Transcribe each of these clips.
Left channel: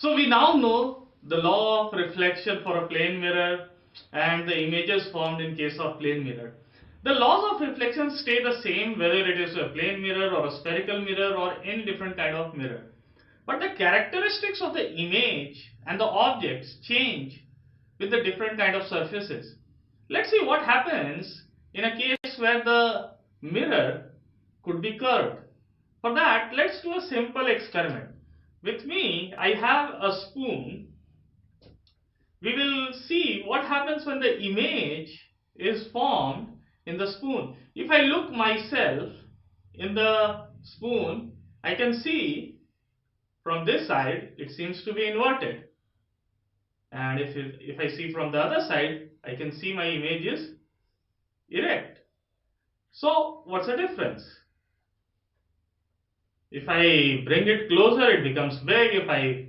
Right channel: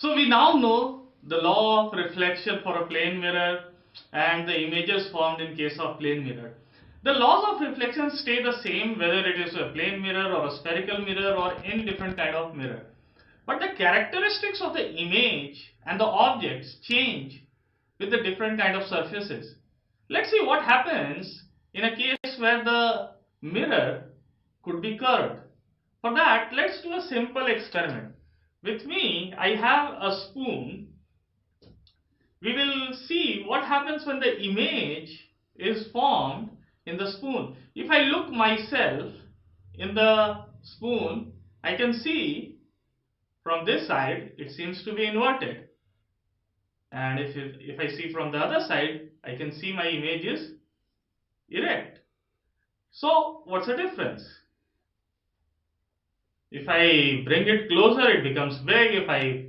So we now know the law of reflection for a plane mirror and the images formed in case of plane mirror. The laws of reflection stay the same whether it is a plane mirror or a spherical mirror or any different kind of mirror. But the characteristics of the image and the objects change with the different kind of surfaces. Let's see what happens in a case where the mirror could be curved. For that, let's do a simple experiment. With me, I have a spoon. We will see what happens when the image is formed in the spoon. If I look myself in the spoon, I can see from this side it seems to be inverted. And if I see from the other side, I can see my image is erect. So what's the difference? If I bring it closer, it becomes big. If I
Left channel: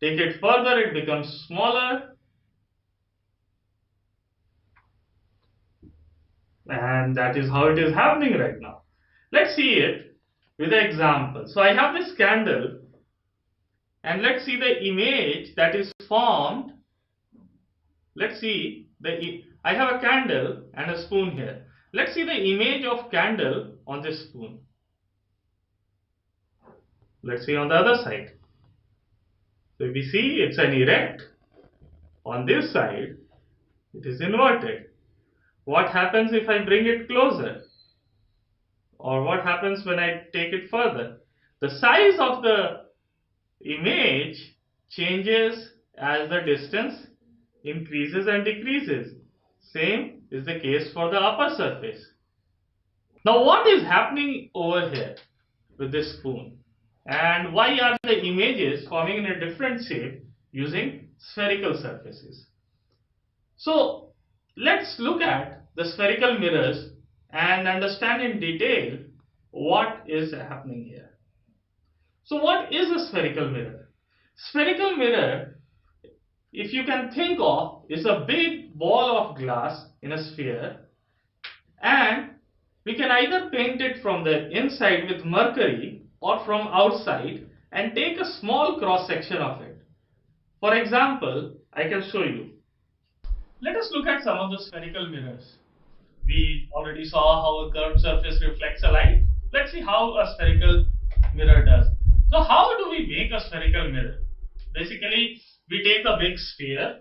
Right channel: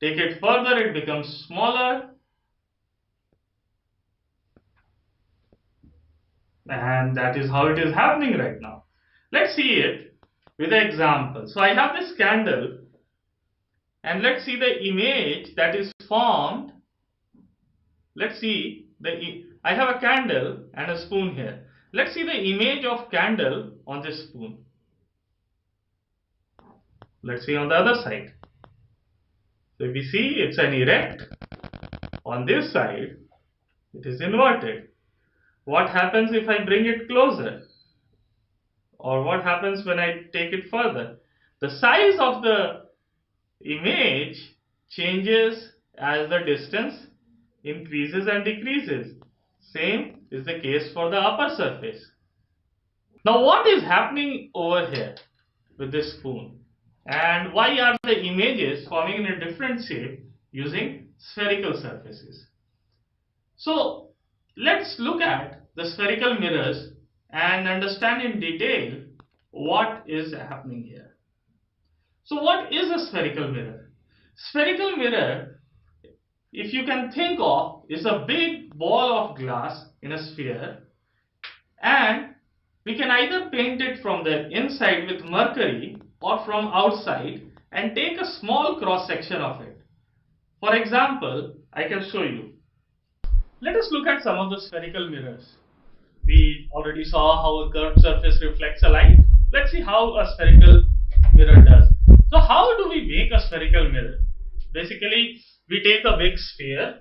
take it further, it becomes smaller. And that is how it is happening right now. Let's see it with an example. So I have this candle, and let's see the image that is formed. Let's see I have a candle and a spoon here. Let's see the image of candle on this spoon. Let's see on the other side. So if we see, it's an erect. On this side, it is inverted. What happens if I bring it closer? Or what happens when I take it further? The size of the image changes as the distance increases and decreases. Same is the case for the upper surface. Now what is happening over here with this spoon? And why are the images forming in a different shape using spherical surfaces? So let's look at the spherical mirrors and understand in detail what is happening here. So what is a spherical mirror? Spherical mirror, if you can think of, is a big ball of glass in a sphere, and we can either paint it from the inside with mercury or from outside and take a small cross section of it. For example, I can show you. Let us look at some of the spherical mirrors. We already saw how a curved surface reflects a light. Let's see how a spherical mirror does. So how do we make a spherical mirror? Basically, we take a big sphere.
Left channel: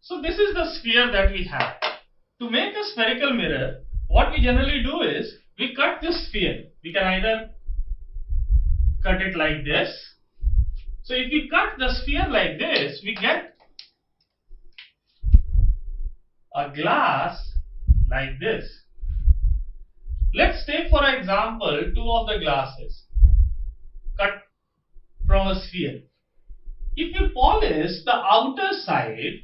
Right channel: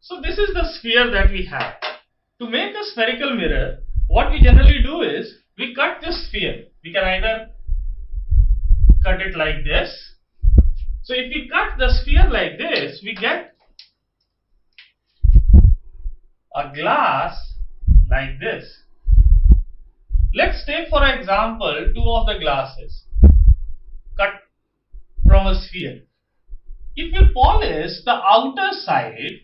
So this is the sphere that we have. To make a spherical mirror, what we generally do is we cut this sphere. We can either cut it like this. So if we cut the sphere like this, we get a glass like this. Let's take for example two of the glasses cut from a sphere. If we polish the outer side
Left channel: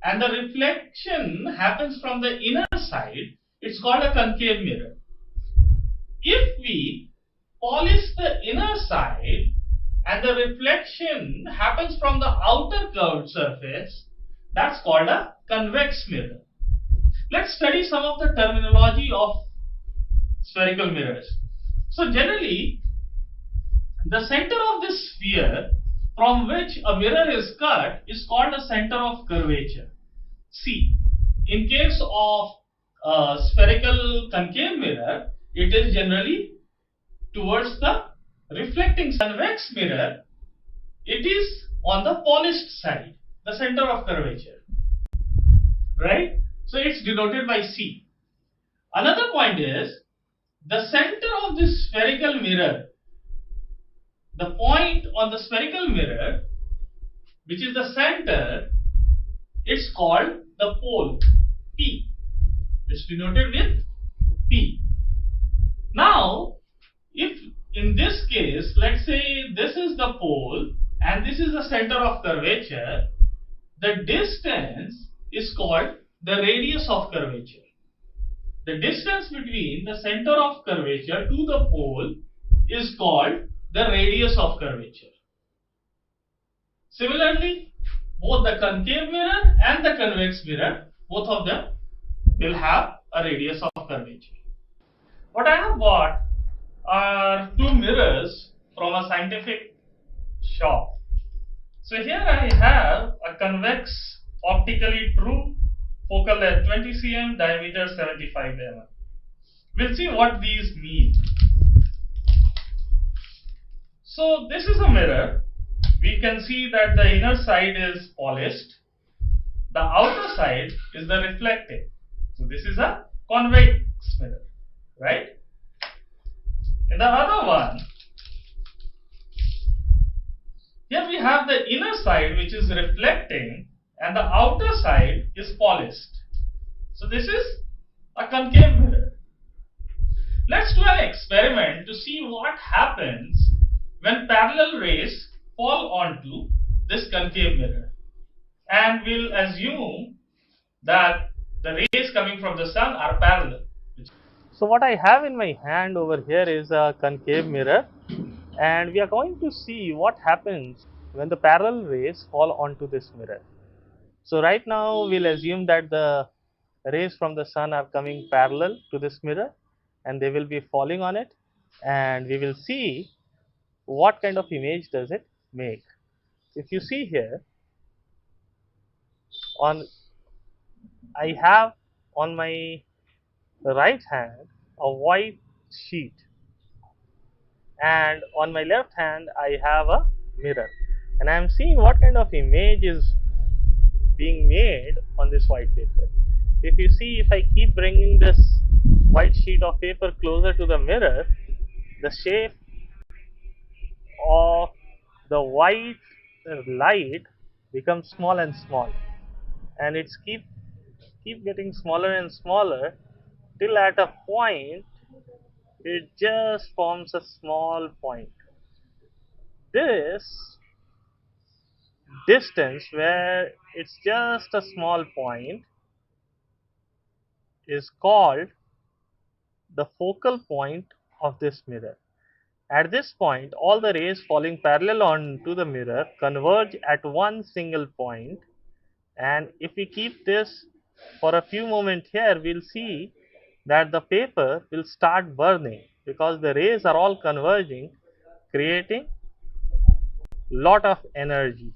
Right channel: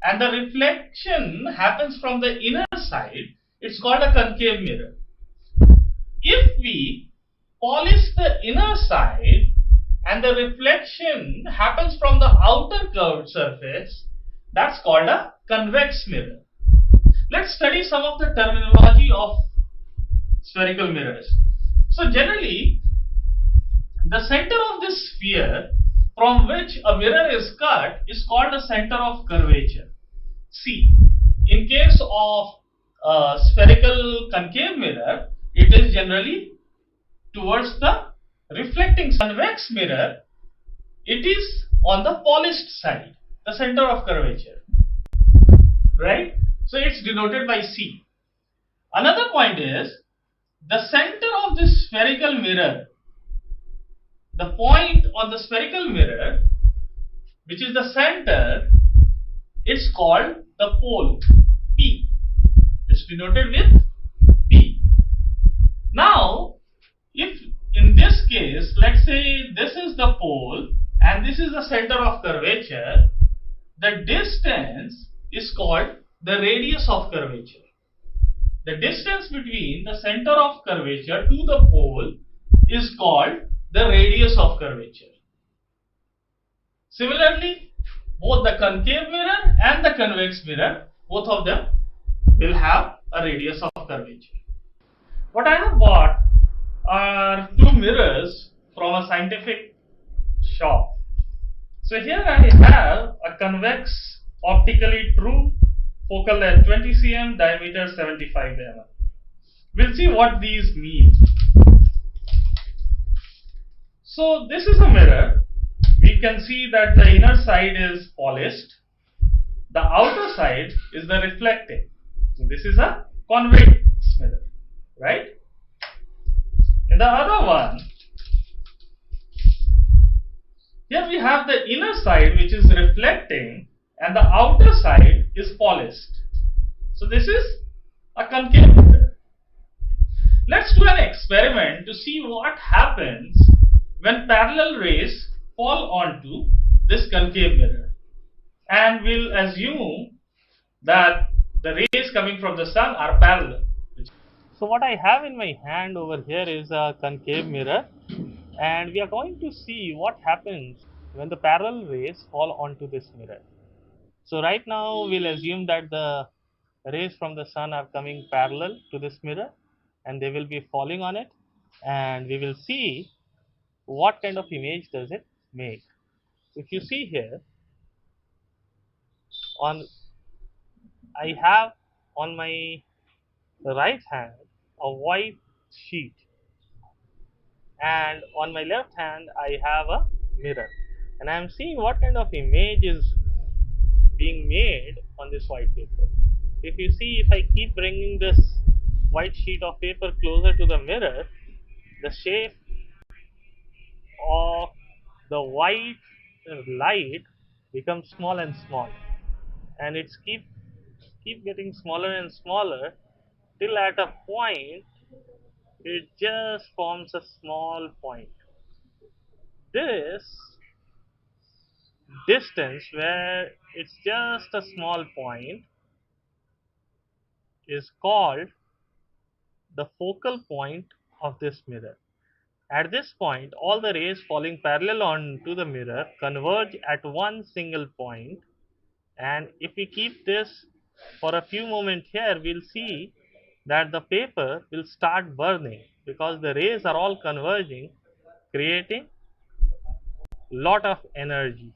and the reflection happens from the inner side, it's called a concave mirror. If we polish the inner side and the reflection happens from the outer curved surface, that's called a convex mirror. Let's study some of the terminology of spherical mirrors. So generally, the center of this sphere from which a mirror is cut is called the center of curvature, C. In case of a spherical concave mirror, it is generally towards the reflecting convex mirror. It is on the polished side, the center of curvature, right? So it's denoted by C. Another point is the center of this spherical mirror, the point on the spherical mirror, which is the center, it's called the pole, P. It's denoted with P. Now, if in this case, let's say this is the pole and this is the center of curvature, the distance is called the radius of curvature. The distance between the center of curvature to the pole is called the radius of curvature. Similarly, both the concave mirror and the convex mirror, both of them will have a radius of curvature. What I have bought are two mirrors from a scientific shop. So here I have a convex optically true focal length 20 cm, diameter 75 mm. We'll see what these mean. So this is a mirror. We can see that the inner side is polished. The outer side is the reflective. So this is a convex mirror, right? In the other one, here we have the inner side which is reflecting and the outer side is polished. So this is a concave mirror. Let's do an experiment to see what happens when parallel rays fall onto this concave mirror. And we'll assume that the rays coming from the sun are parallel. So what I have in my hand over here is a concave mirror, and we are going to see what happens when the parallel rays fall onto this mirror. So right now we'll assume that the rays from the sun are coming parallel to this mirror and they will be falling on it, and we will see what kind of image does it make. If you see here, I have on my right hand a white sheet, and on my left hand I have a mirror, and I am seeing what kind of image is being made on this white paper. If you see, if I keep bringing this white sheet of paper closer to the mirror, the shape of the white light becomes small and small, and it's keep getting smaller and smaller till at a point it just forms a small point. This distance where it's just a small point is called the focal point of this mirror. At this point, all the rays falling parallel onto the mirror converge at one single point, and if we keep this for a few moments here, we'll see that the paper will start burning because the rays are all converging, creating lot of energy.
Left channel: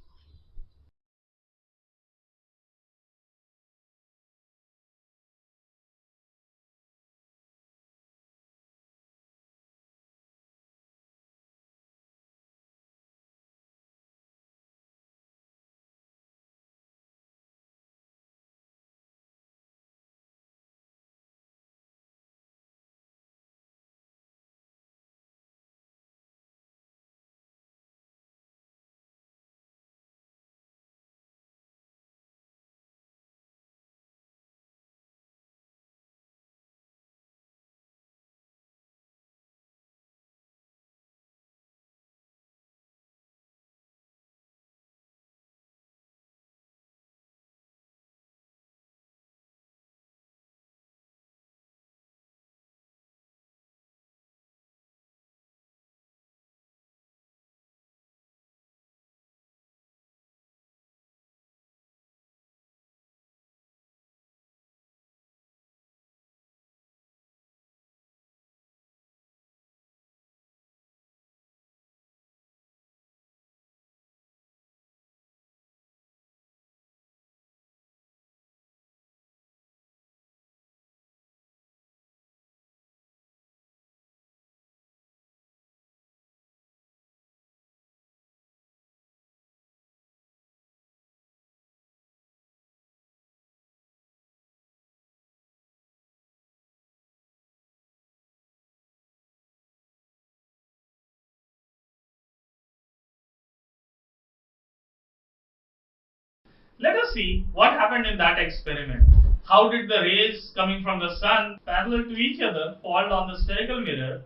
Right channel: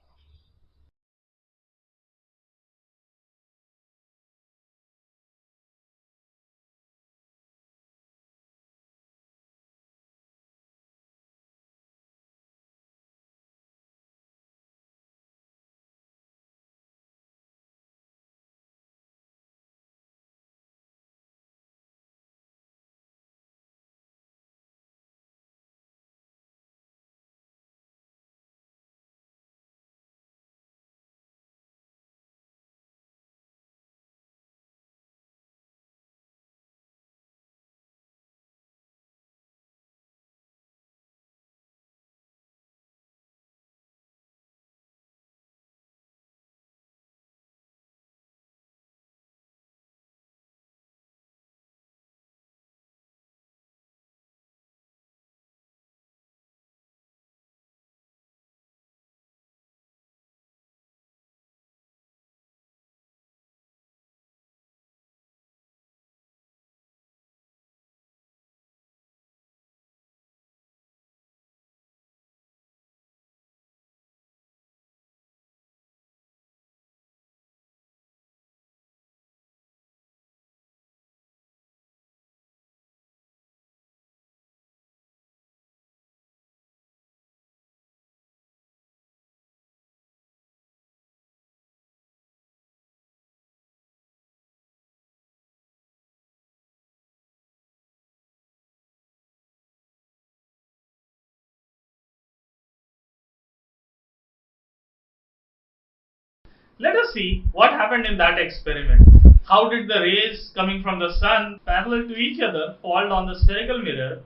Let us see what happened in that experiment. How did the rays coming from the sun parallel to each other fall on the spherical mirror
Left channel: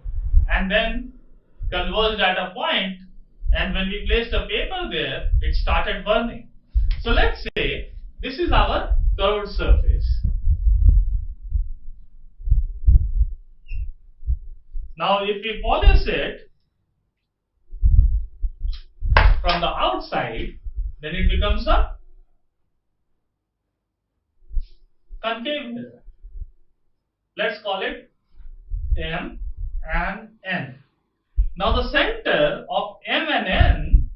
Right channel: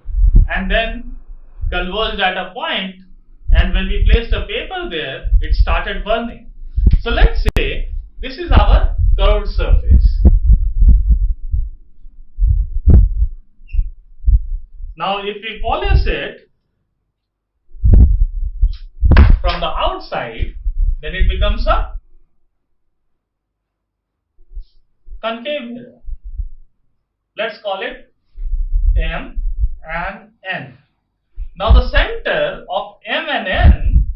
and then converged at a point, and when we placed a paper there, it started burning. So let's say this is our curved surface. Now if we polish it from the outside, then it becomes a concave mirror. Let's call it M and N. Now the center of M and N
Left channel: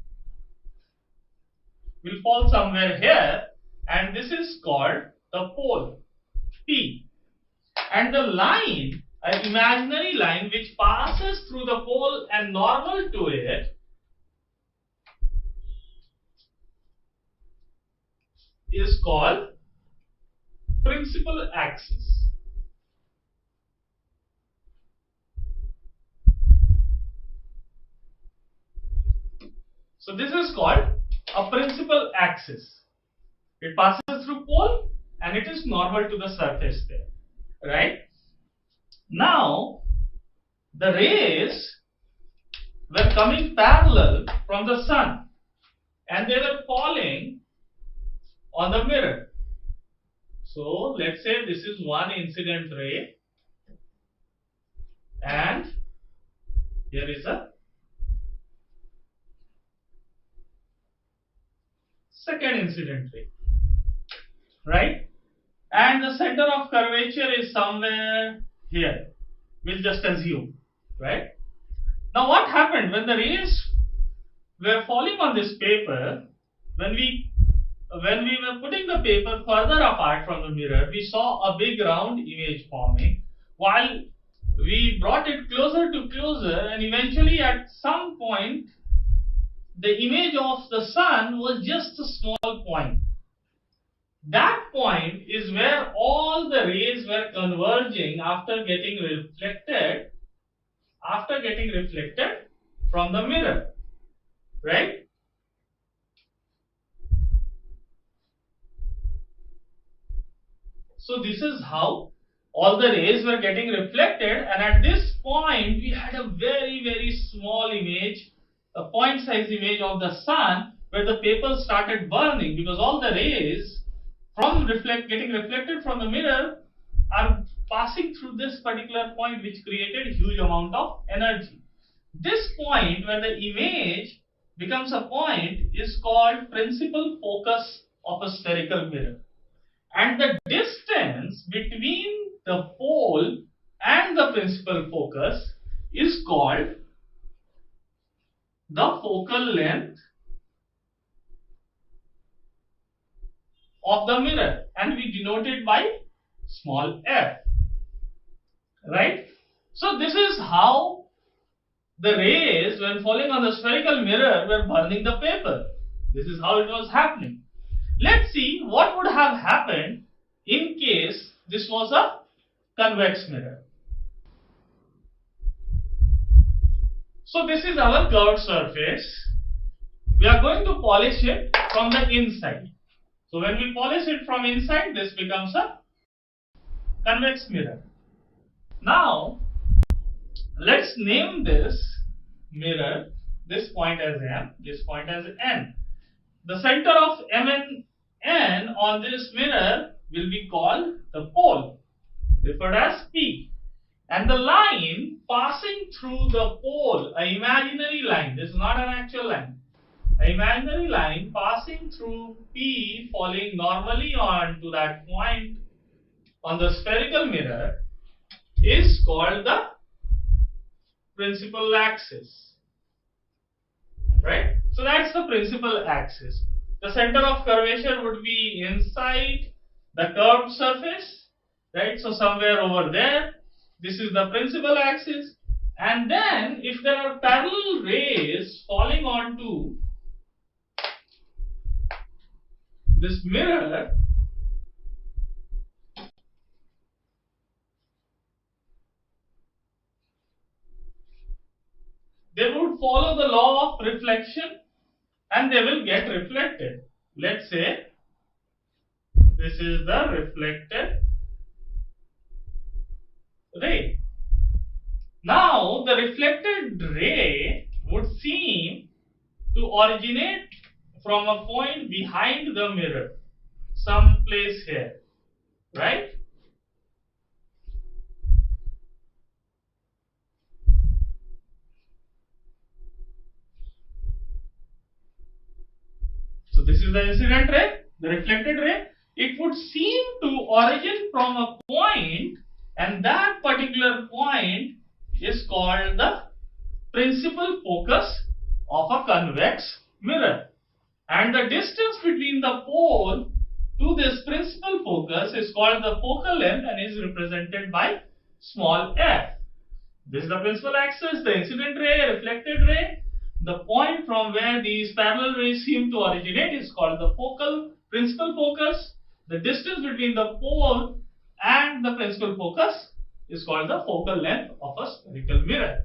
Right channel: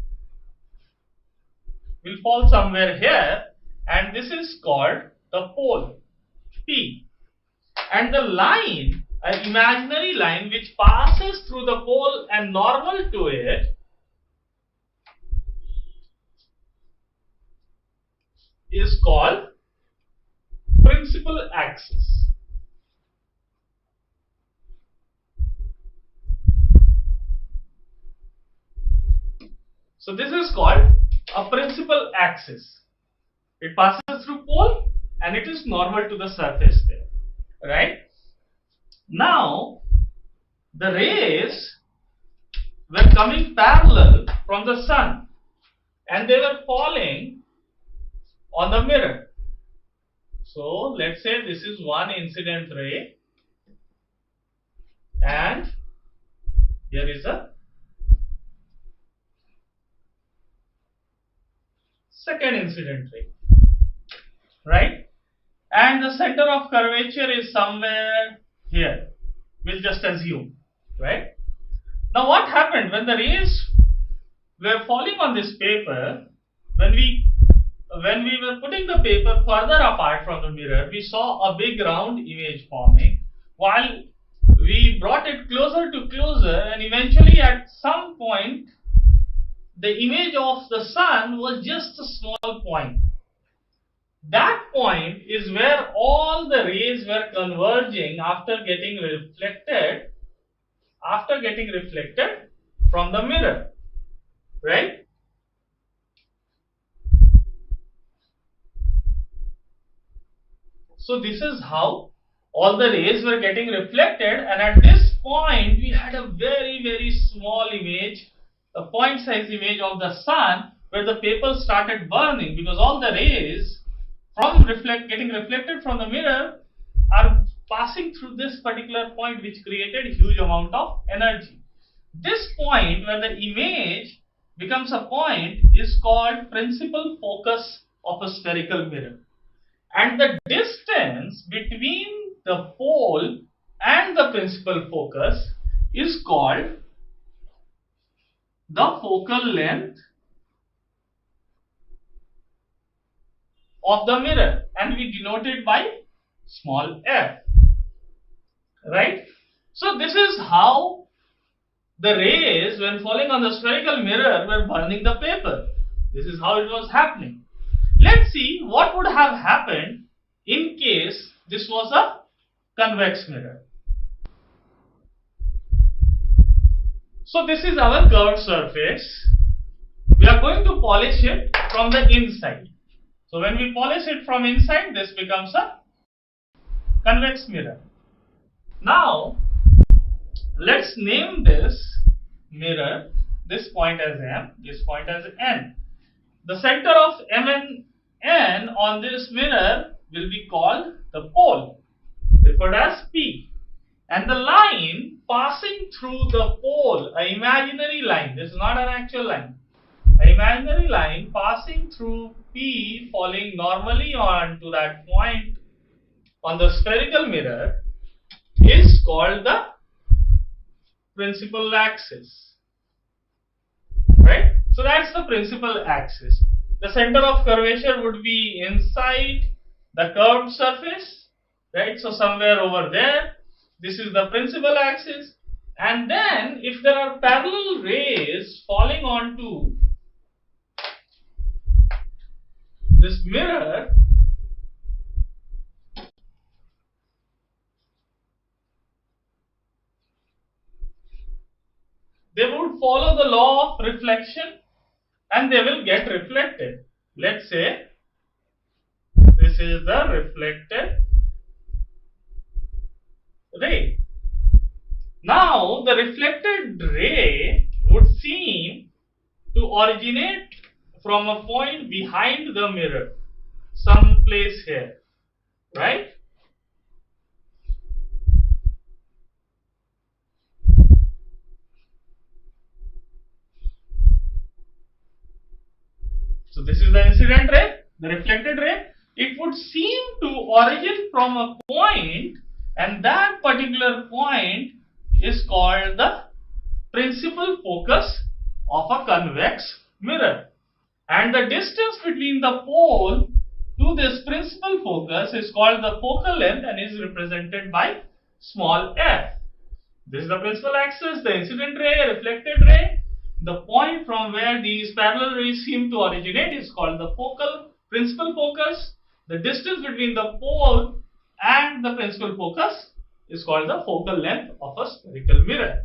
will fall somewhere here, and this is called the pole P. And the line, an imaginary line which passes through the pole and normal to it, is called principal axis. So this is called a principal axis. It passes through pole and it is normal to the surface there, right? Now the rays were coming parallel from the sun and they were falling on the mirror. So let's say this is one incident ray and here is a second incident ray, right? And the center of curvature is somewhere here. We'll just assume, right? Now what happened when the rays were falling on this paper? When we were putting the paper further apart from the mirror, we saw a big round image forming, while we brought it closer to closer, and eventually at some point the image of the sun was just a small point. That point is where all the rays were converging after getting reflected from the mirror, right? So this is how all the rays were getting reflected, and at this point we had a very, very small image, a point size image of the sun, where the paper started burning because all the rays from getting reflected from the mirror are passing through this particular point, which created a huge amount of energy. This point where the image becomes a point is called principal focus of a spherical mirror, and the distance between the pole and the principal focus is called the focal length of the mirror, and we denote it by small f, right? So this is how the rays, when falling on the spherical mirror, were burning the paper. This is how it was happening. Let's see what would have happened in case this was a convex mirror. So this is our curved surface. We are going to polish it from the inside. So when we polish it from inside, this becomes a convex mirror. Now let's name this mirror, this point as M, this point as N. The center of M and N on this mirror will be called the pole, referred as P. And the line passing through the pole, an imaginary line, this is not an actual line, an imaginary line passing through P, falling normally onto that point on the spherical mirror, is called the principal axis, right? So that's the principal axis. The center of curvature would be inside the curved surface, right? So somewhere over there, this is the principal axis. And then if there are parallel rays falling onto this mirror, they would follow the law of reflection and they will get reflected. Let's say this is the reflected ray. Now the reflected ray would seem to originate from a point behind the mirror, some place here, right? So this is the incident ray, the reflected ray. It would seem to origin from a point and that particular point is called the principal focus of a convex mirror. And the distance between the pole to this principal focus is called the focal length and is represented by small f. This is the principal axis, the incident ray, reflected ray. The point from where these parallel rays seem to originate is called the focal principal focus. The distance between the pole and the principal focus is called the focal length of a spherical mirror.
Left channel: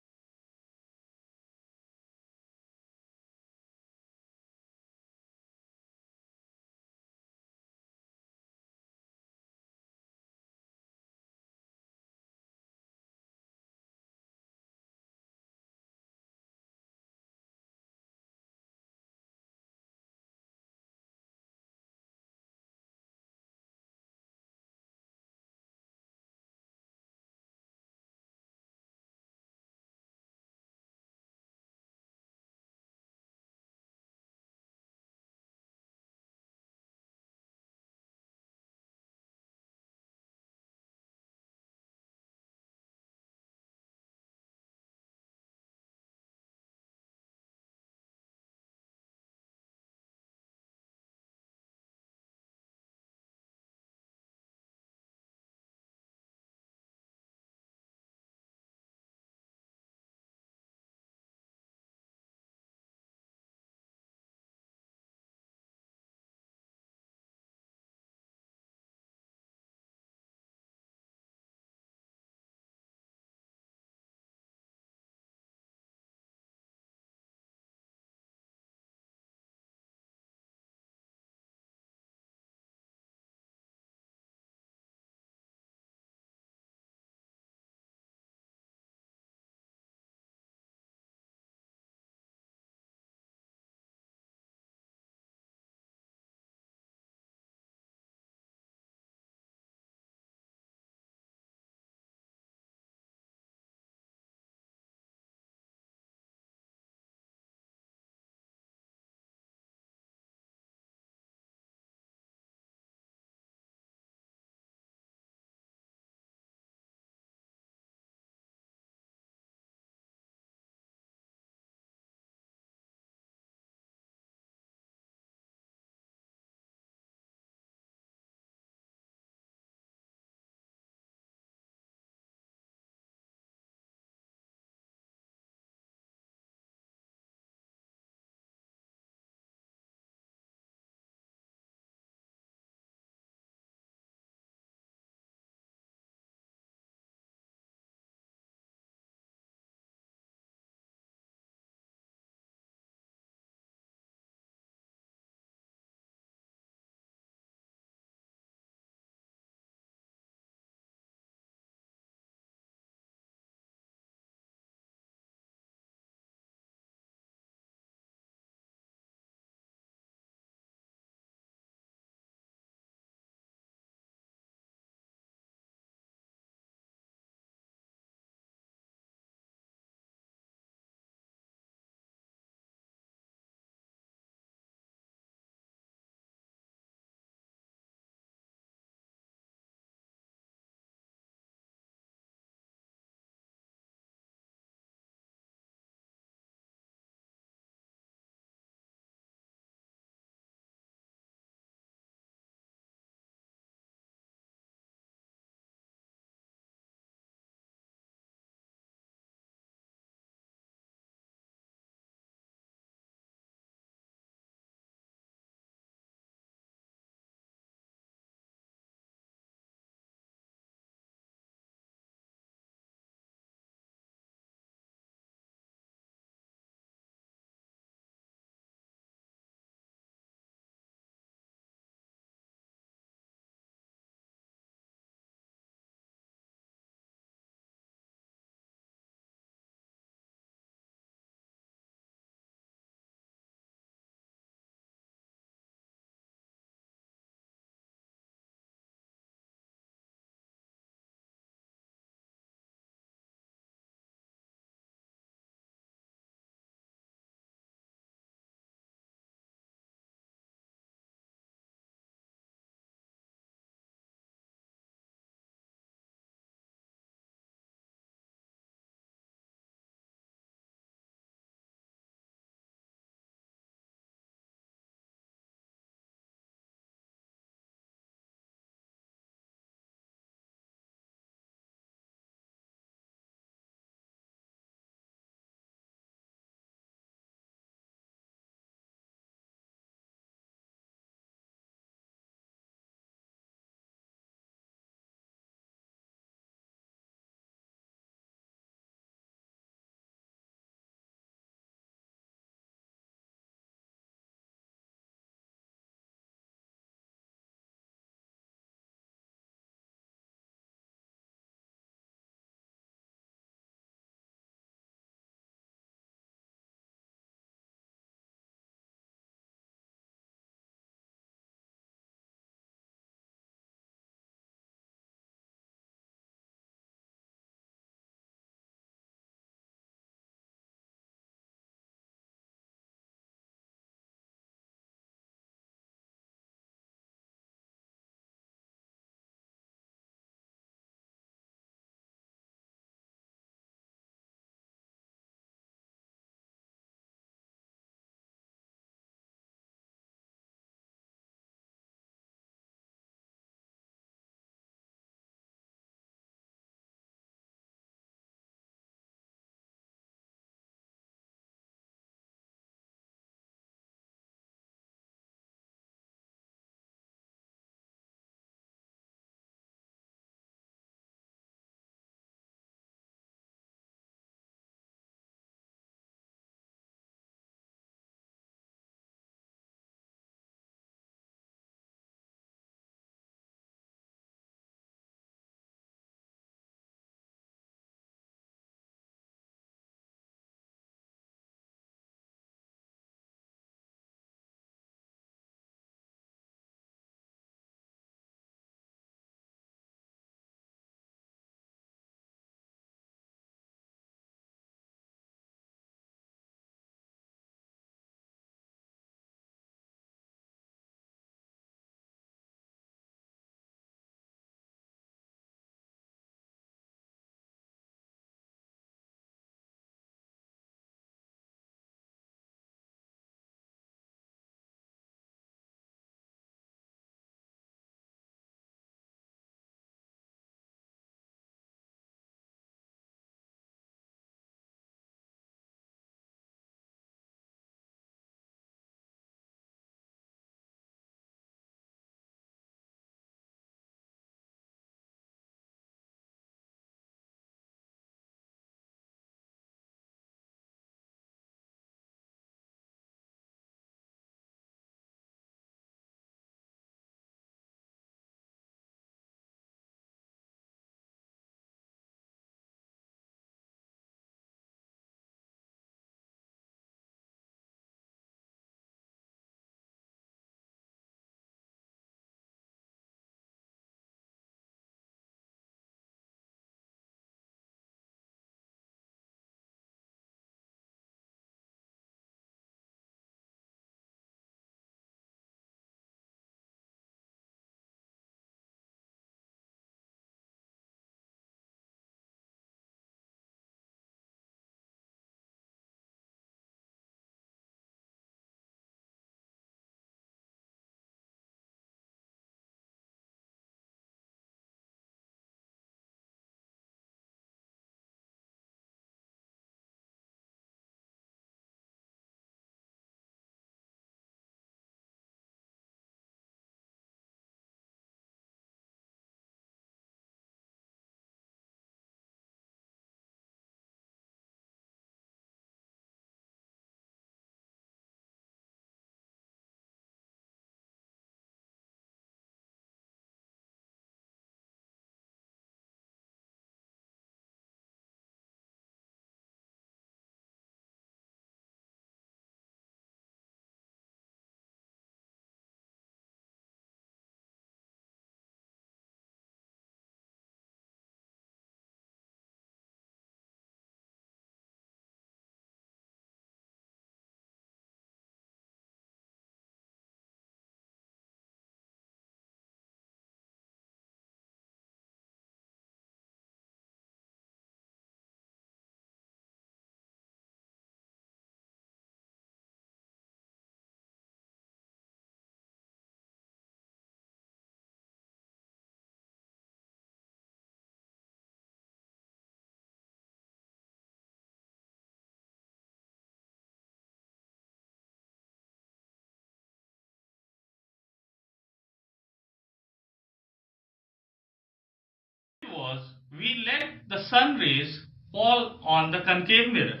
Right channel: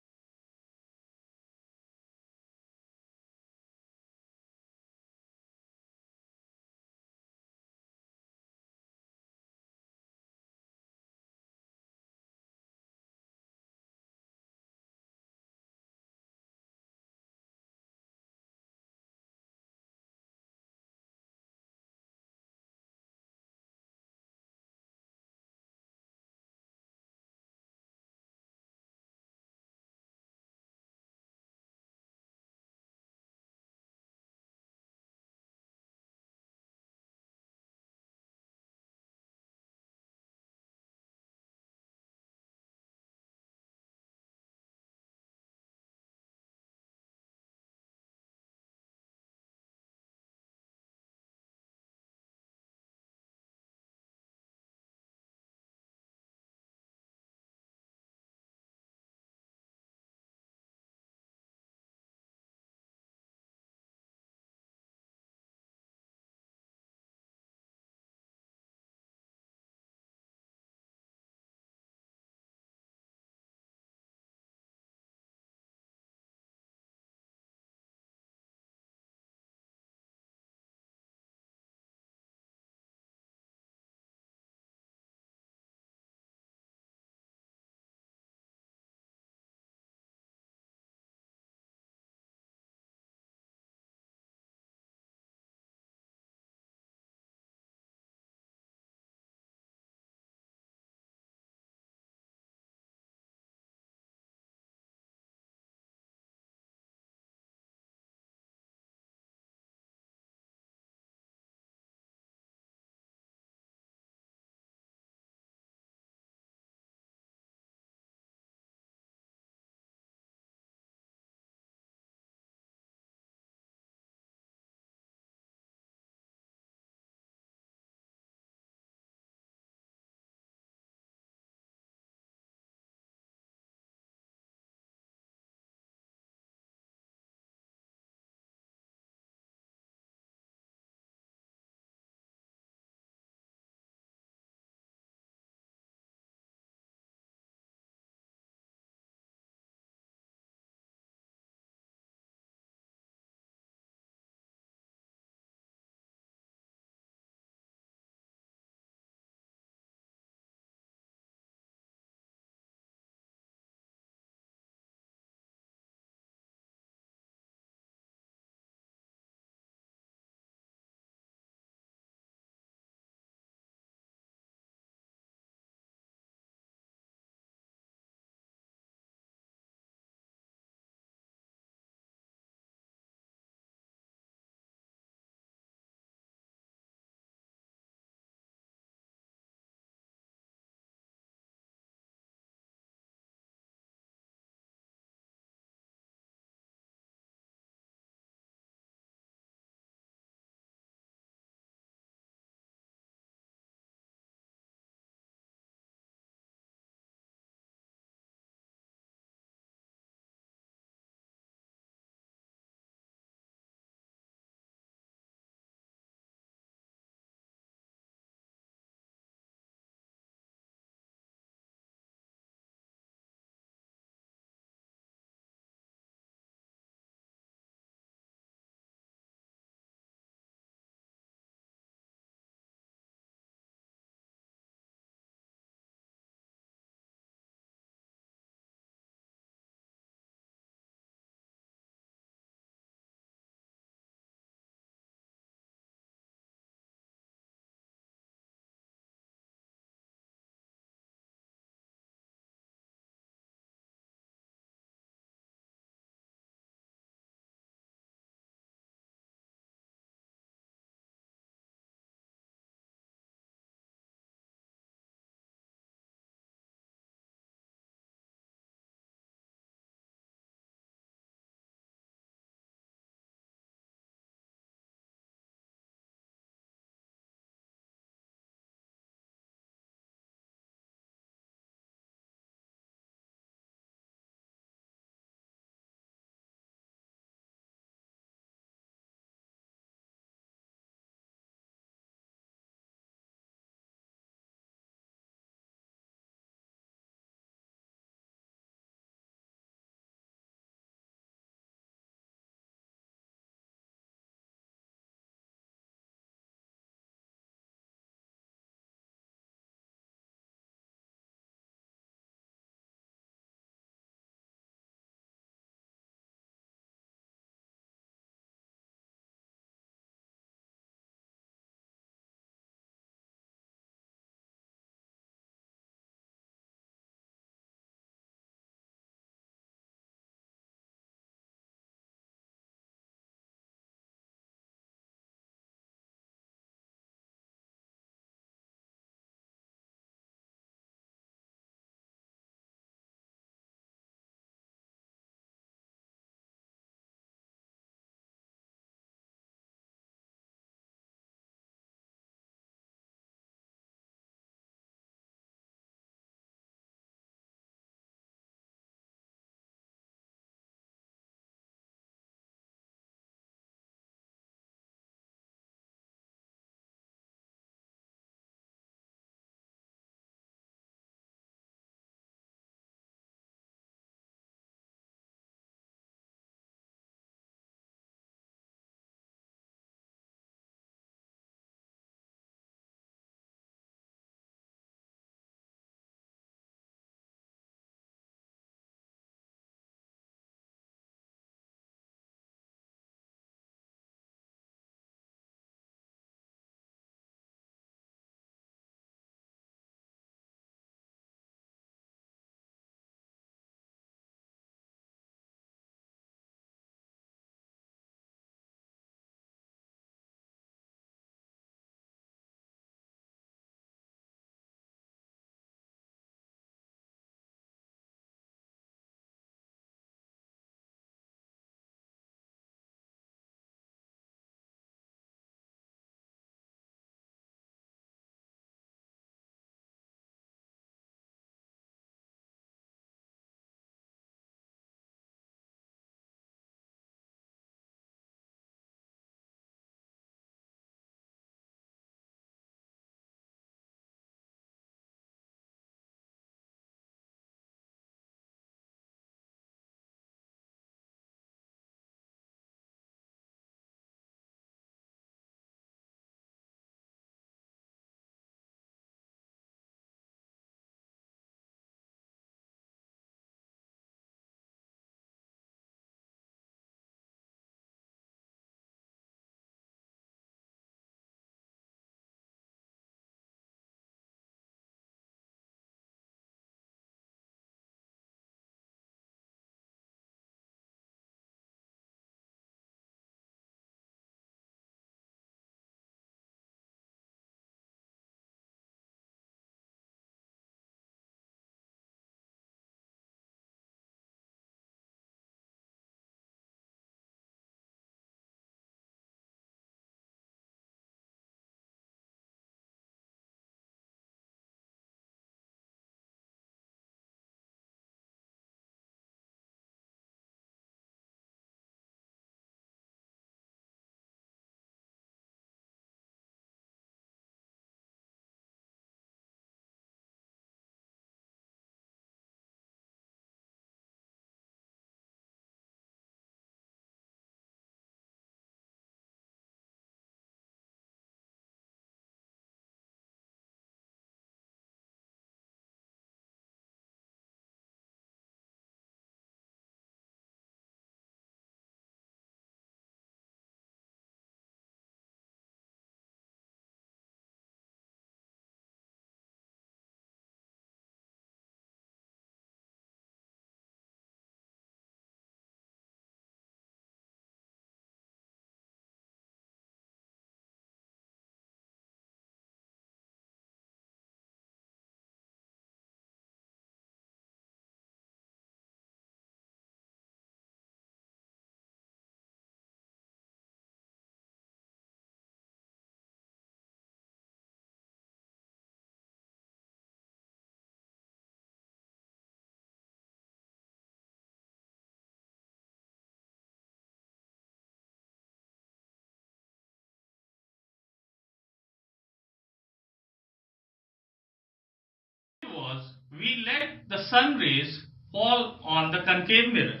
we let the sun rays fall on the concave mirror,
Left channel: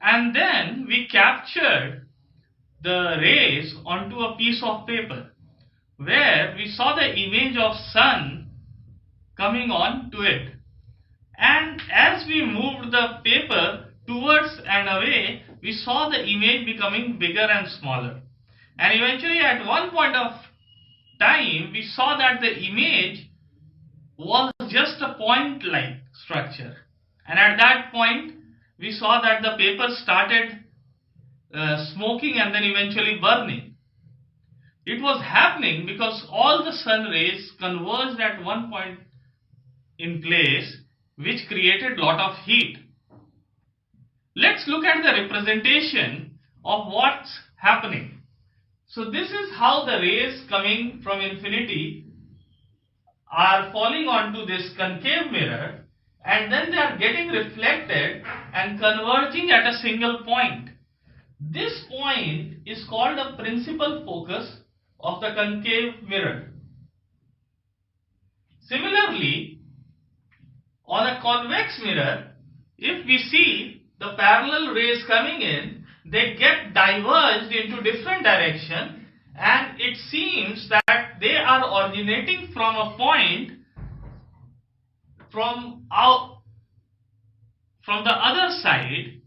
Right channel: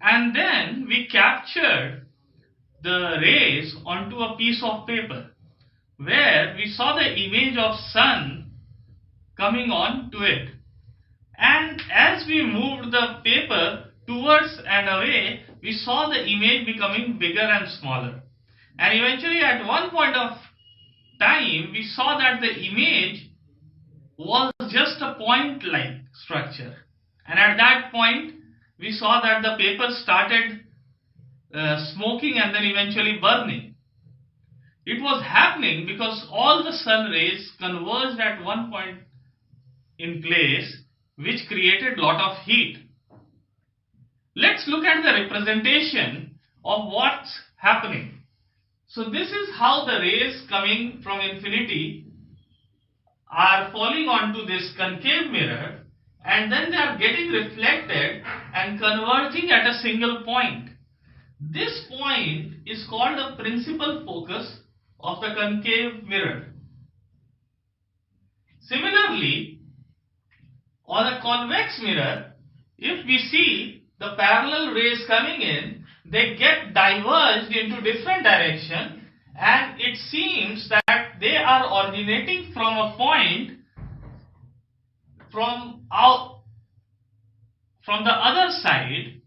and then we captured the rays onto a piece of paper where we saw the image of sun coming on to it. And as we moved the paper towards and away, we saw the image becoming bigger and smaller. And eventually, at one point of time, we saw that the image was just a point-like structure. And at that point, we saw that the paper started smoking and then eventually burning. It was happening because all the sun rays converged at one point in place, which created lot of heat. Let's look at the representation of what's happening. So this is how the rays coming from infinity are falling onto this concave mirror, and then they are getting reflected and converging at a single point. This point is called the principal focus of the concave mirror. Similarly, on a convex mirror, if we see the parallel rays coming in, they get diverged into different directions, and it seems that they are originating from a point from the other side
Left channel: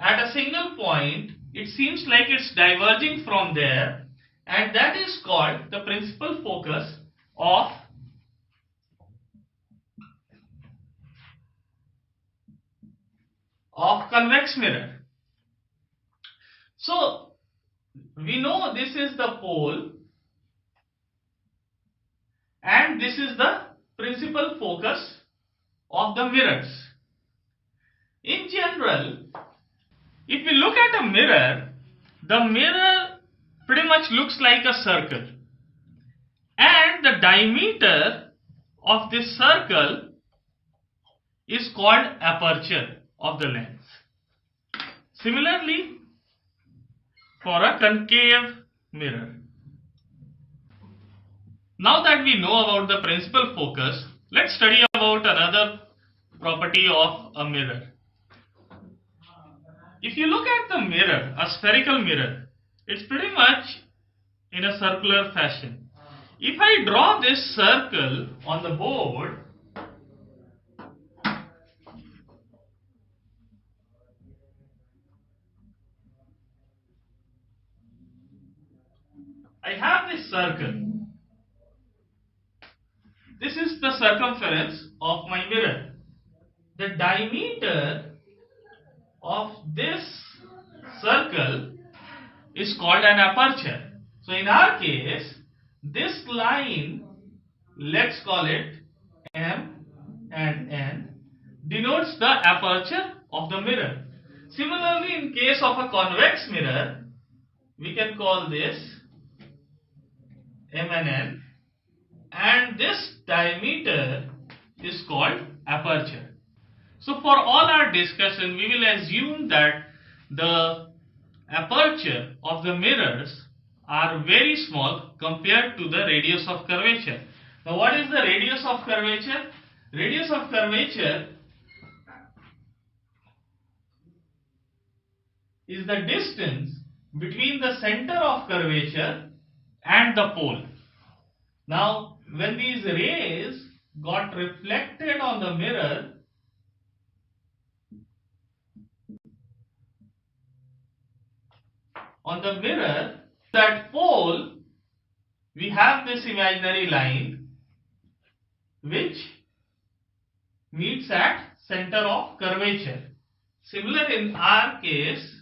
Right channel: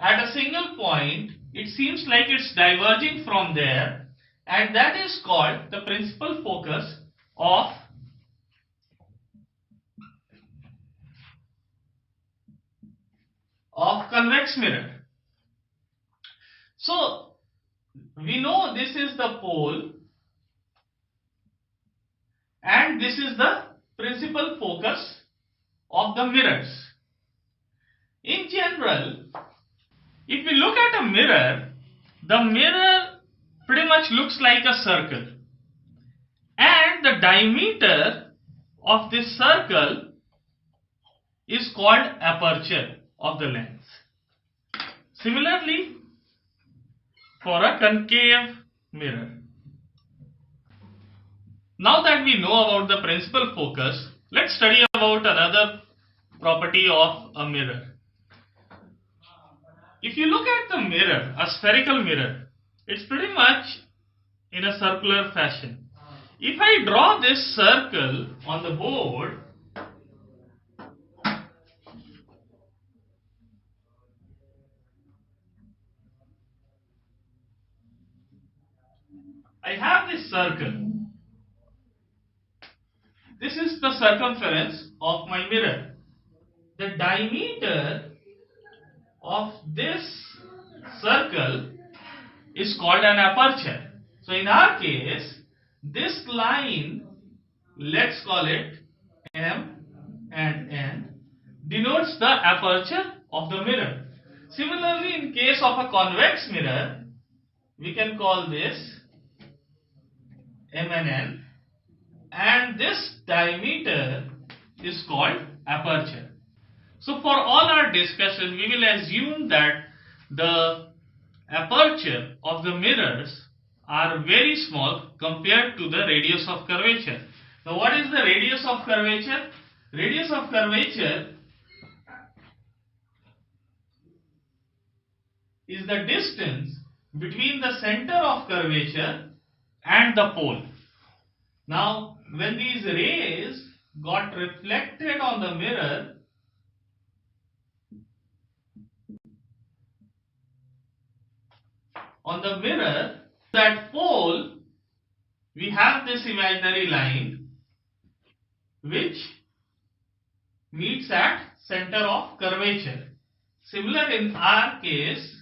at a single point. It seems like it's diverging from there, and that is called the principal focus of convex mirror. So we know this is the pole and this is the principal focus of the mirrors. In general, if we look at a mirror, the mirror pretty much looks like a circle, and the diameter of this circle is called aperture of the lens. Similarly, for a concave mirror. Now that we know about the principal focus, let's study about another property of a mirror. If you look at the mirror, a spherical mirror, it's pretty much in a circular fashion. If I draw this circle on the board, I have this circle. This is the circumference of my mirror. The diameter of this circle is called an aperture. So in our case, this line, let's call it M and N, denotes the aperture of the mirror. Similarly, in case of a convex mirror, we can call this M and N, and this diameter is called aperture. So for all our discussion, we will assume that the aperture of the mirrors are very small compared to the radius of curvature. Now what is the radius of curvature? Radius of curvature is the distance between the center of curvature and the pole. Now when these rays got reflected on the mirror, that pole, we have this imaginary line which meets at center of curvature. Similar in our case,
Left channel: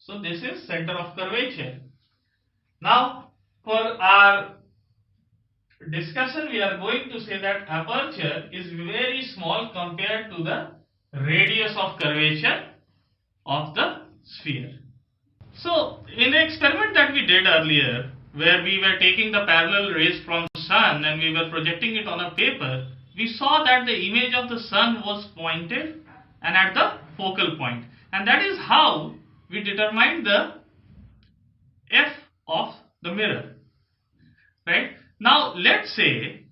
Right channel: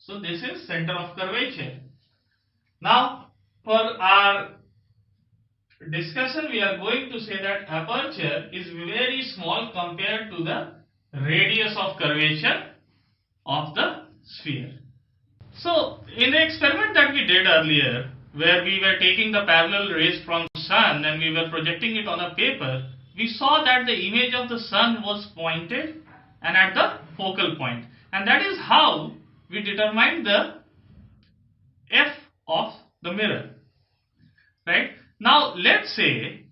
so this is center of curvature. Now for our discussion, we are going to say that aperture is very small compared to the radius of curvature of the sphere. So in the experiment that we did earlier, where we were taking the parallel rays from sun and we were projecting it on a paper, we saw that the image of the sun was pointed and at the focal point, and that is how we determined the f of the mirror, right? Now let's say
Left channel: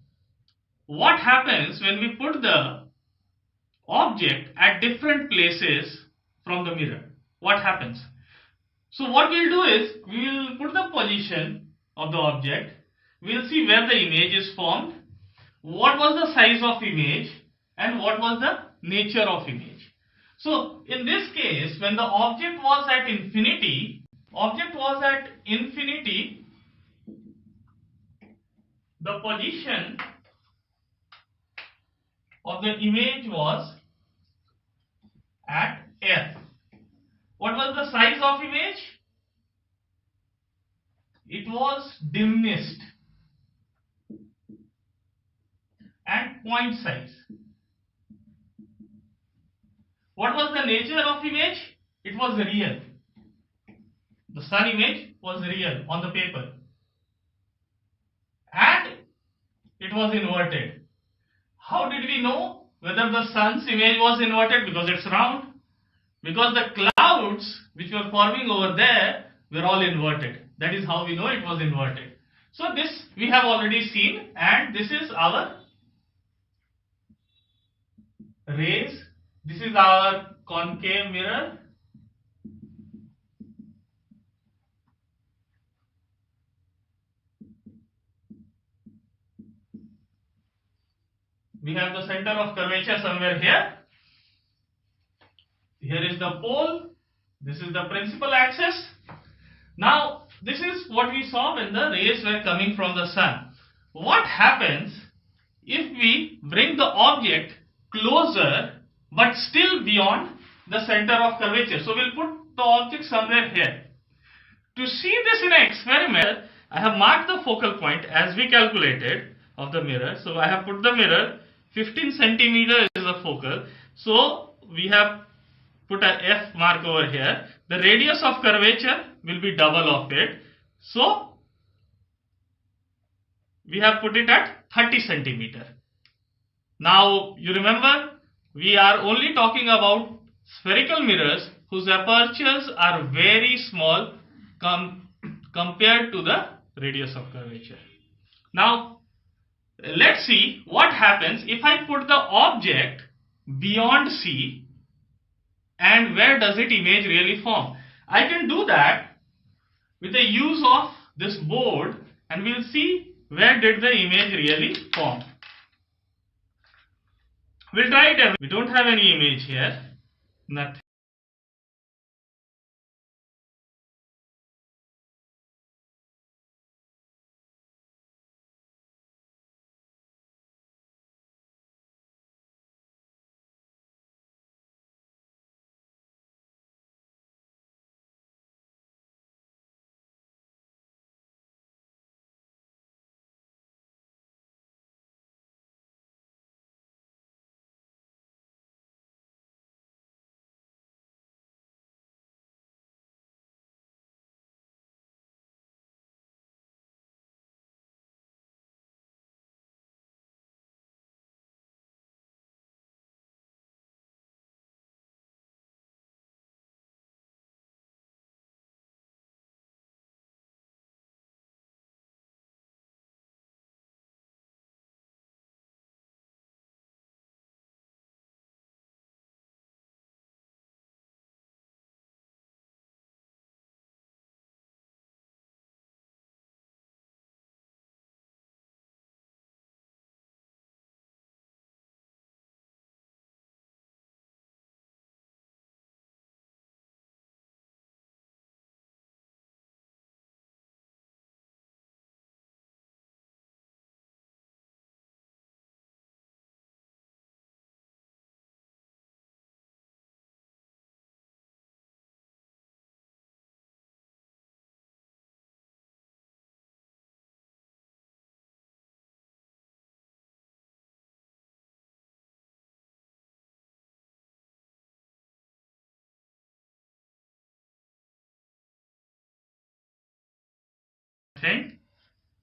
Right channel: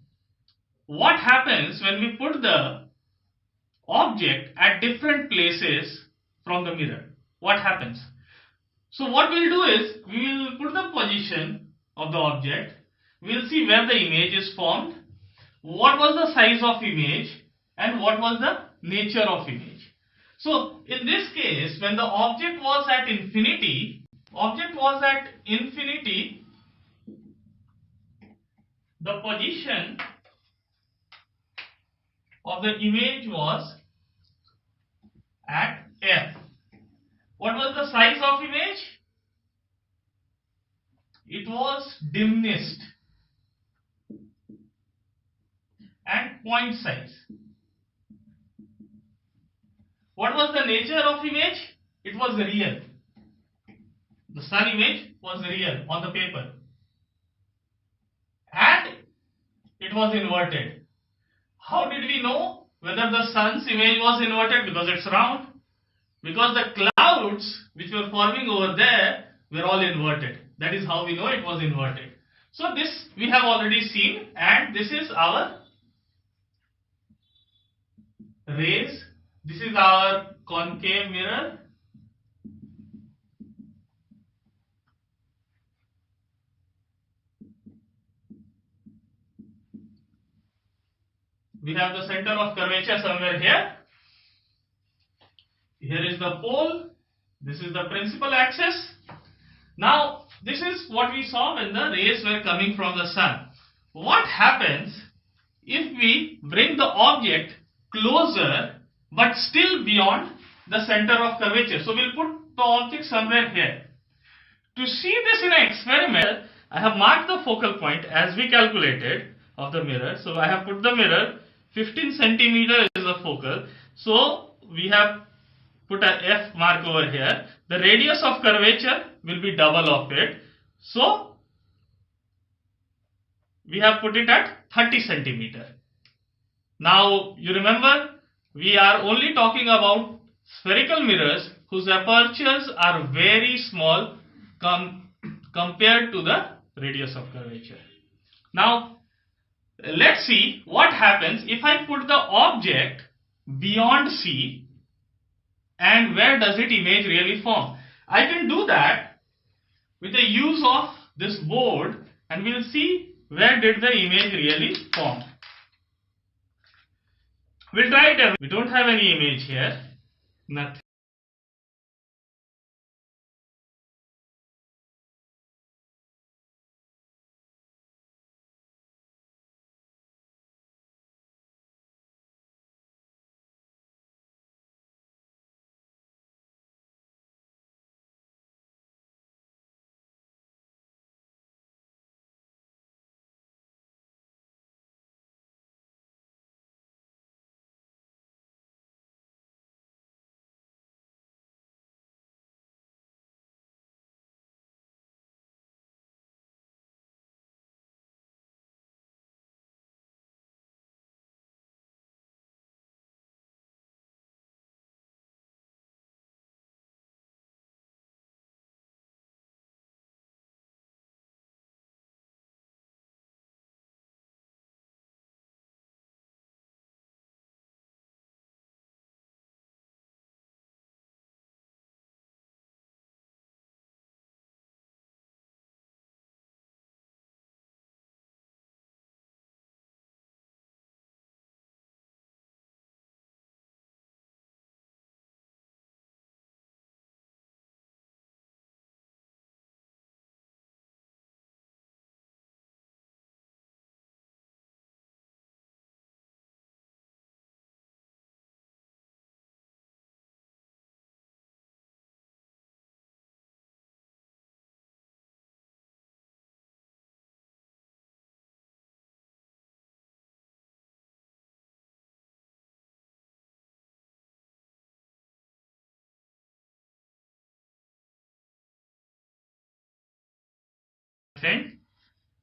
what happens when we put the object at different places from the mirror. What happens? So what we'll do is we will put the position of the object. We'll see where the image is formed, what was the size of image, and what was the nature of image. So in this case, when the object was at infinity, the position of the image was at f. What was the size of image? It was diminished and point size. What was the nature of image? It was real. The sun image was real on the paper. And it was inverted. How did we know whether the sun's image was inverted? Because it's round. Because the clouds which were forming over there were all inverted. That is how we know it was inverted. So this we have already seen, and this is our rays. This is our concave mirror. We have the center of curvature somewhere here. Here is the pole. This is the principal axis. Now, this is what we saw when the rays were coming from the sun. What happens if we bring the object closer but still beyond the center of curvature? So, we'll put the object somewhere here. To see this in an experiment, I have marked the focal point as we calculated of the mirror. So, I have put the mirror 15 centimeter is the focal. So, we have put a F mark over here. The radius of curvature will be double of it. So, we have put it at 30 centimeter. Now, you remember, we are only talking about spherical mirrors whose apertures are very small compared to the radius of curvature. Now, let's see what happens if I put the object beyond C. And where does it image really form? I can do that with the use of this board, and we'll see where did the image really form. We'll try it. We don't have any image here. Nothing.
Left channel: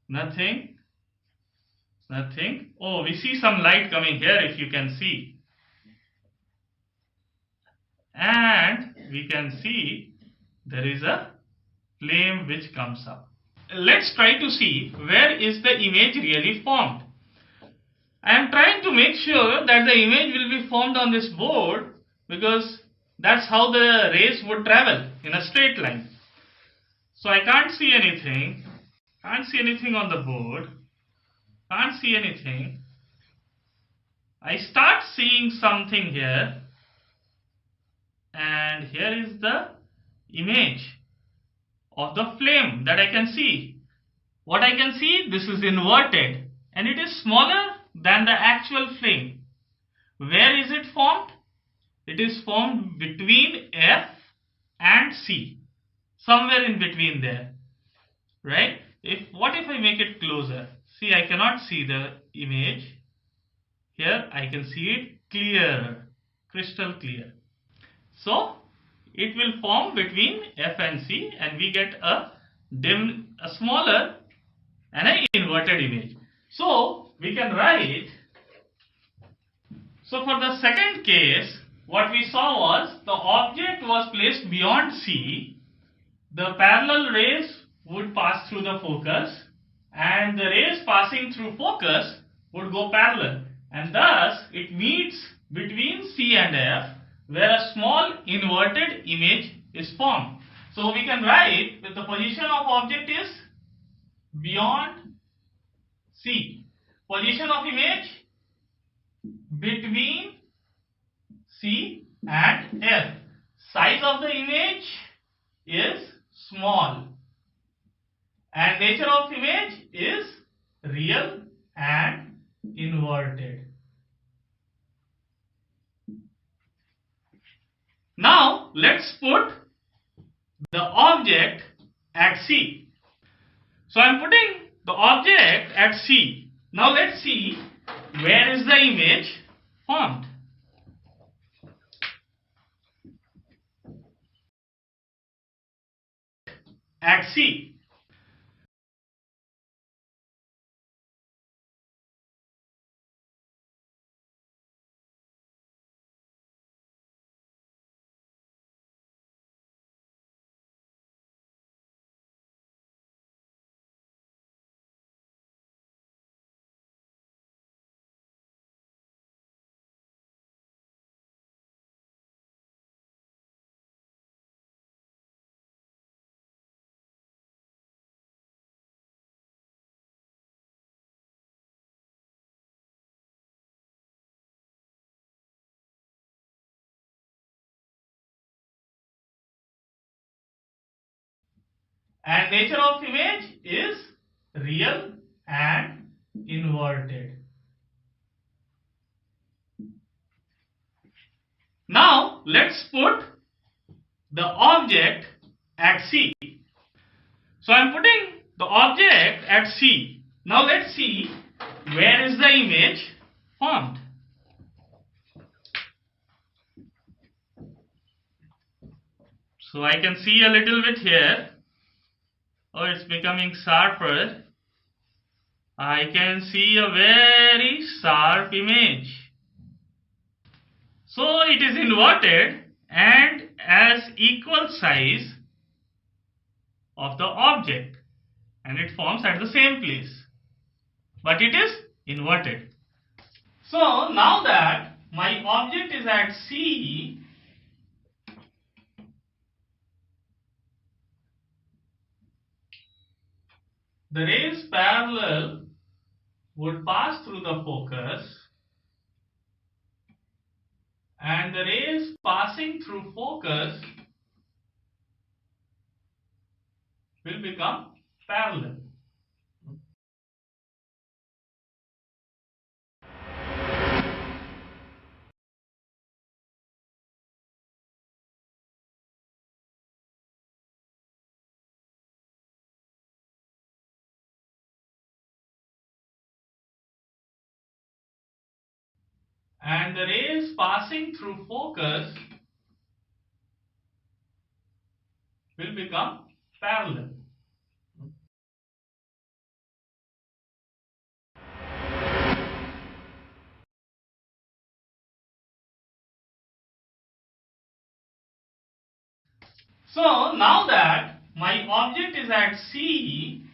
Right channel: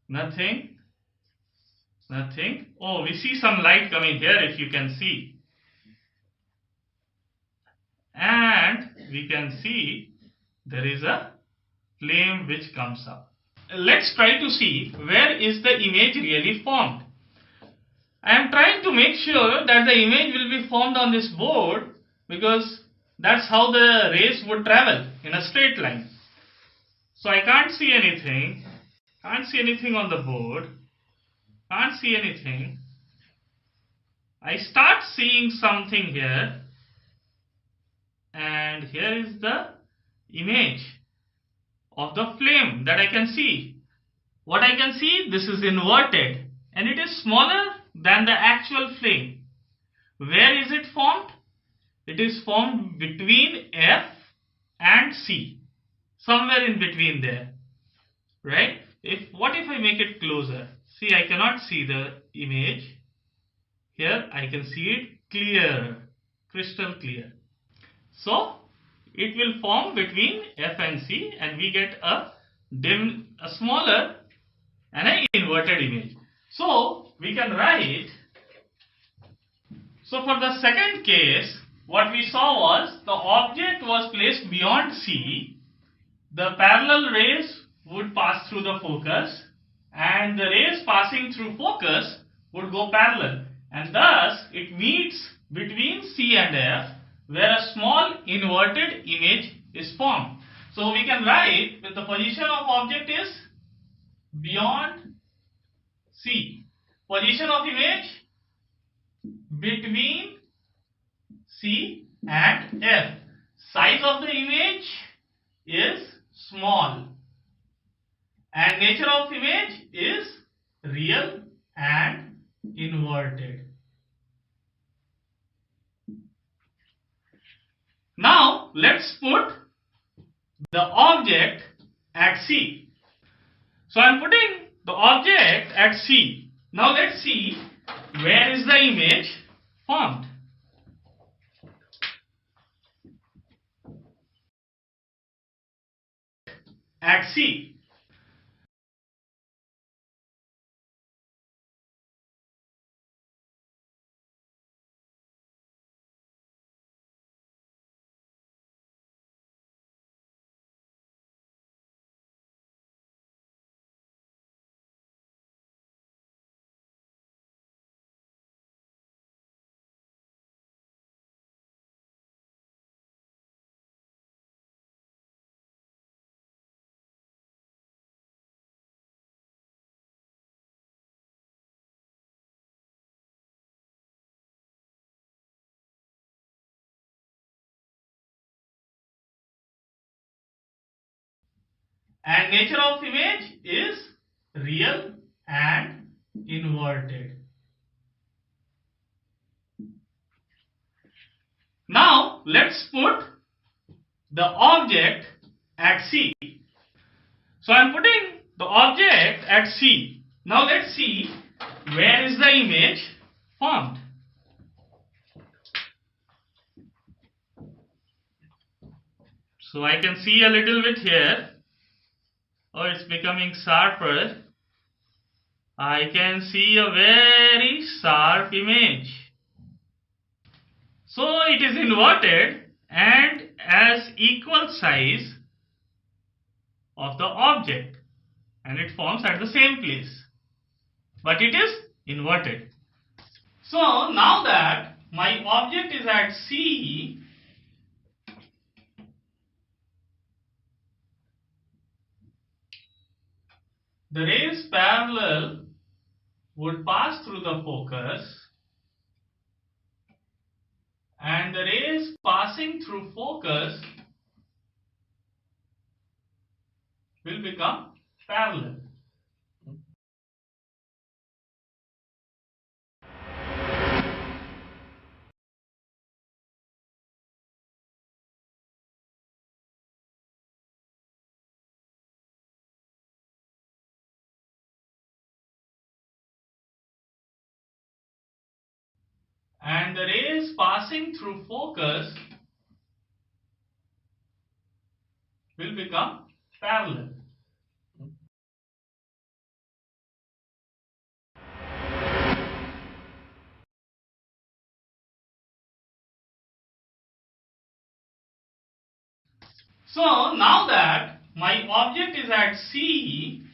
Nothing. Oh, we see some light coming here, if you can see. And we can see there is a flame which comes up. let's try to see where is the image really formed. I am trying to make sure that the image will be formed on this board, because that's how the rays would travel in a straight line. So I can't see anything. Can't see anything on the board. Can't see anything. I start seeing something here, and here is the image of the flame that I can see. What I can see, this is inverted and it is smaller than the actual flame. Where is it formed? It is formed between F and C, somewhere in between there, right? What if I make it closer? See, I cannot see the image. Here I can see it clear, crystal clear. So it will form between F and C, and we get a smaller and an inverted image. So we can write, so for the second case, what we saw was the object was placed beyond C, the parallel rays would pass through the focus, and the rays passing through focus would go parallel, and thus it meets between C and F, where a small inverted image is formed. So we can write that the position of object is beyond C. Position of image between C and F. Size of the image is small. And nature of image is real and inverted. Now let's put the object at C. So I am putting the object at C. Now let's see where is the image formed. At C. And nature of image is real and inverted. Now let's put the object at C. So I am putting the object at C. Now let's see where is the image formed. So I can see a little bit here. Oh, it's becoming sharper. I can see a very sharp image. So it is inverted and as equal size of the object, and it forms at the same place, but it is inverted. So now that my object is at C, the rays parallel would pass through the focus, and the rays passing through focus will become parallel. And the rays passing through focus will become parallel. So now that my object is at C,